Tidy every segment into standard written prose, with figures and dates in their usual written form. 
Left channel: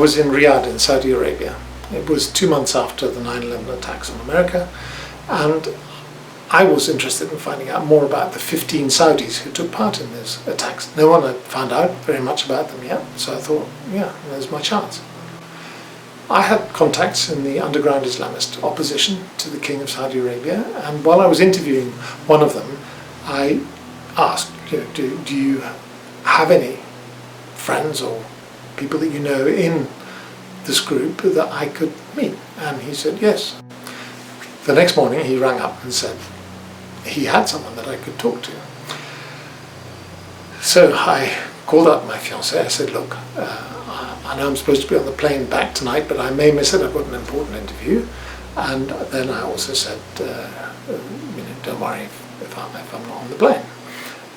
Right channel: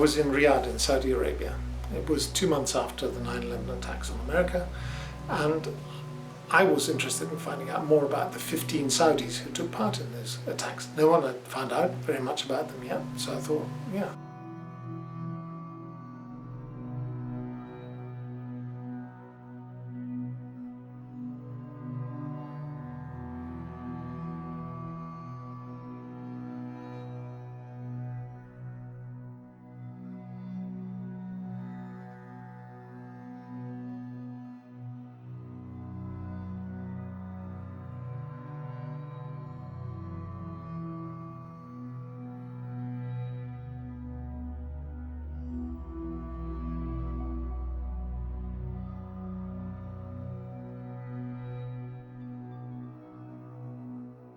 was in Riyadh in Saudi Arabia. It was 2 months after the 9/11 attacks on America, and I was interested in finding out more about the 15 Saudis who took part in those attacks. No one had found out very much about them yet, so I thought, yeah, there's my chance. I had contacts in the underground Islamist opposition to the King of Saudi Arabia, and while I was interviewing one of them, I asked, do you have any friends or people that you know in this group that I could meet? And he said yes. The next morning he rang up and said he had someone that I could talk to. So I called up my fiancée. I said, look, I know I'm supposed to be on the plane back tonight, but I may miss it. I've got an important interview. And then I also said, don't worry if I'm not on the plane.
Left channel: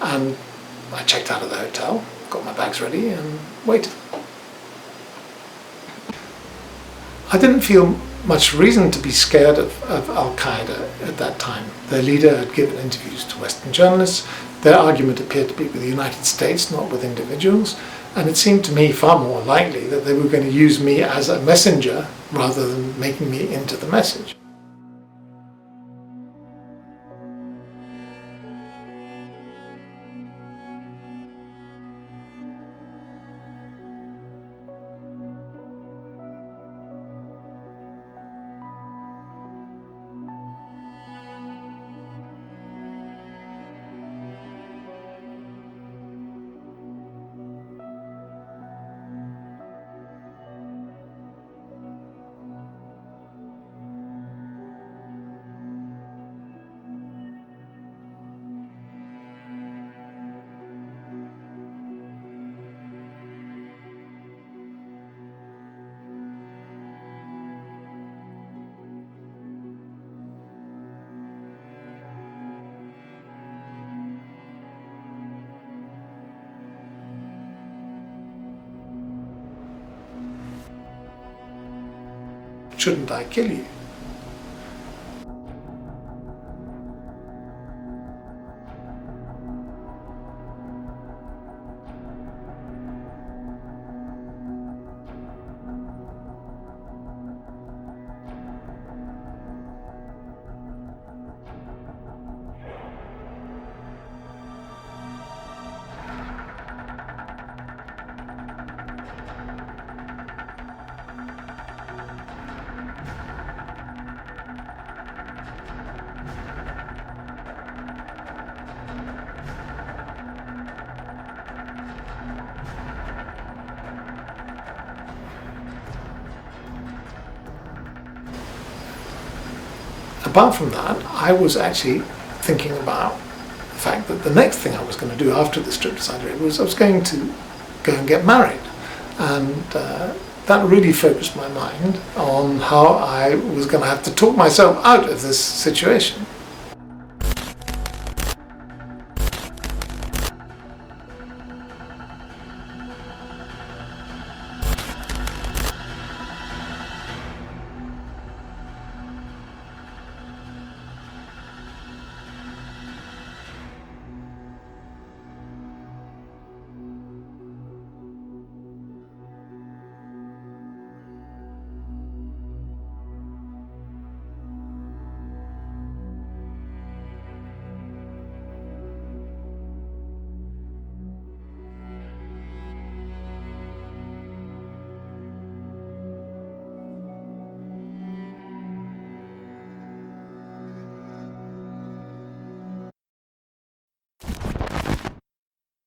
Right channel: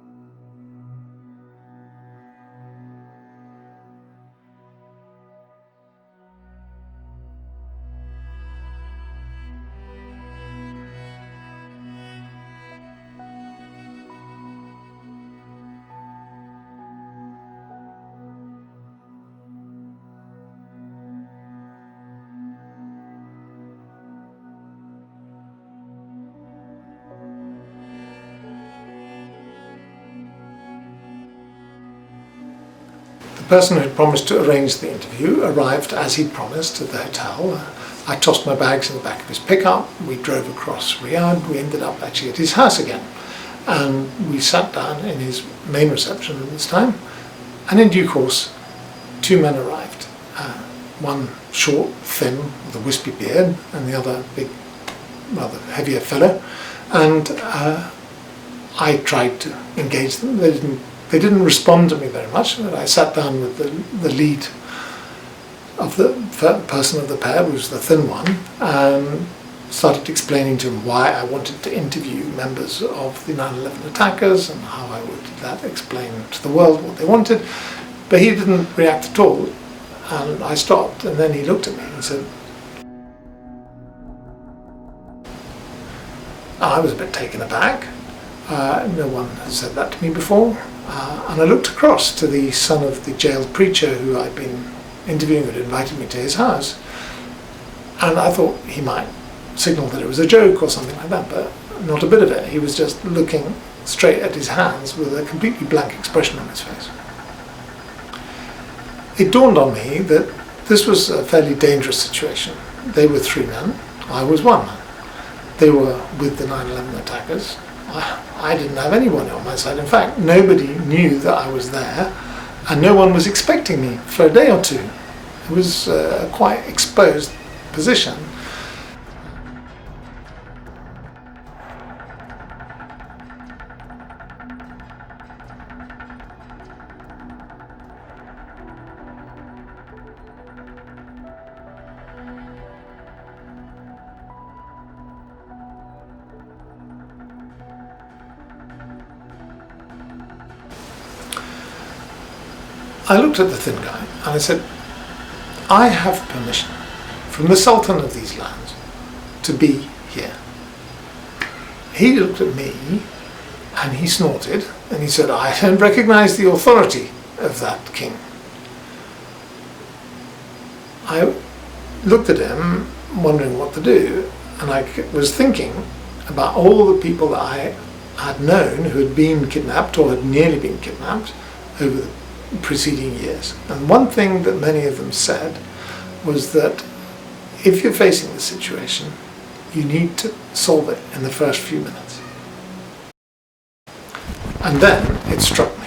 And I checked out of the hotel, got my bags ready and waited. I didn't feel much reason to be scared of al-Qaeda at that time. Their leader had given interviews to Western journalists. Their argument appeared to be with the United States, not with individuals. And it seemed to me far more likely that they were going to use me as a messenger rather than making me into the message. The person who had promised to arrange the interview arrived as he'd promised at the hotel. I tossed my bags in the back of his pickup. We drove across Riyadh. We ended up actually at his house again. And we sat down in his main reception at this time. And in due course, 2 men arrived. One short, thin, with a wispy beard, and the other big, rather heavier fellow. And I tried to engage them. They didn't respond to me very much. I sat down with the lead of the person of the pair, who was the thin one, and started explaining to him why I wanted to interview members of the 9/11 attackers and how I would explain to the world what they wanted. But he didn't react at all, and I stopped, and then he looked at me and said, "Shouldn't I kill you?" I was a bit taken aback. No one had said that to me before. And I looked across to the son of the jailed preacher who I'd been interviewing, had invited me to his house. And I thought he might signal that it was a joke or something like that, but not a bit of it. He was just looking straight at his hands with a completely blank expression on his face. It dawned on me that this was a fairly dangerous situation. They were 3 men, I was 1 man. They were with the 9/11 attackers. I didn't have anyone on my side. In fact, nobody knew that I was there, and no one was expecting me for a day or two. It was a quite exposed position. Apart from that, I was actually thinking about the fact that the next thing I was going to do after this trip to Saudi Arabia was I was going to go and get married. And that really focused my mind on how I was going to have to talk myself out of this situation. I looked at the thin guy and I said, I have permission from the Sultan of these lands to be here. He looked at me and he snorted and he said, I don't recognize the authority of that king. I looked at him wondering what to do, and I was thinking about all the people that I had known who had been kidnapped or had nearly been kidnapped over the preceding years. And one thing that many of them said was that if you're facing the situation, you need to solve it in the first few minutes. And then it struck me.